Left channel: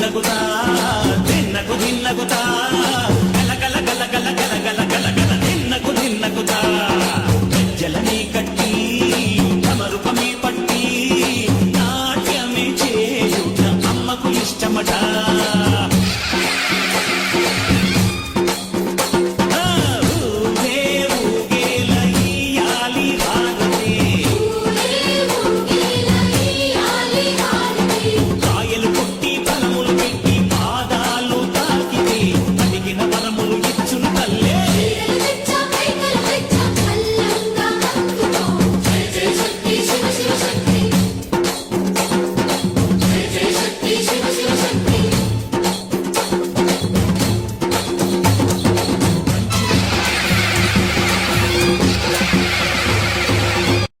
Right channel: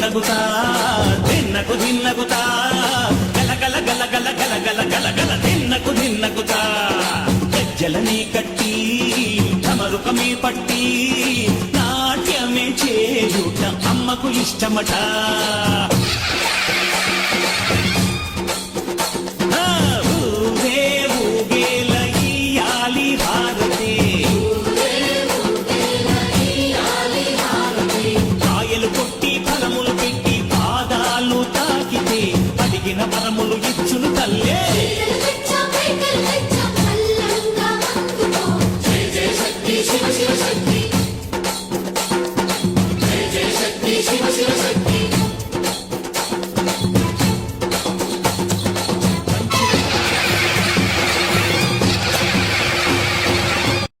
దిన్నకుతా దిన్నకు దిన్నకుతా గల గల గల గల గల గల గల గల దిన్నకు దిన్నకుతా గజ్జలనే కట్టి తమరుపమే పట్టి నాట్యమే చేయుట అమ్మకు ఇష్టమట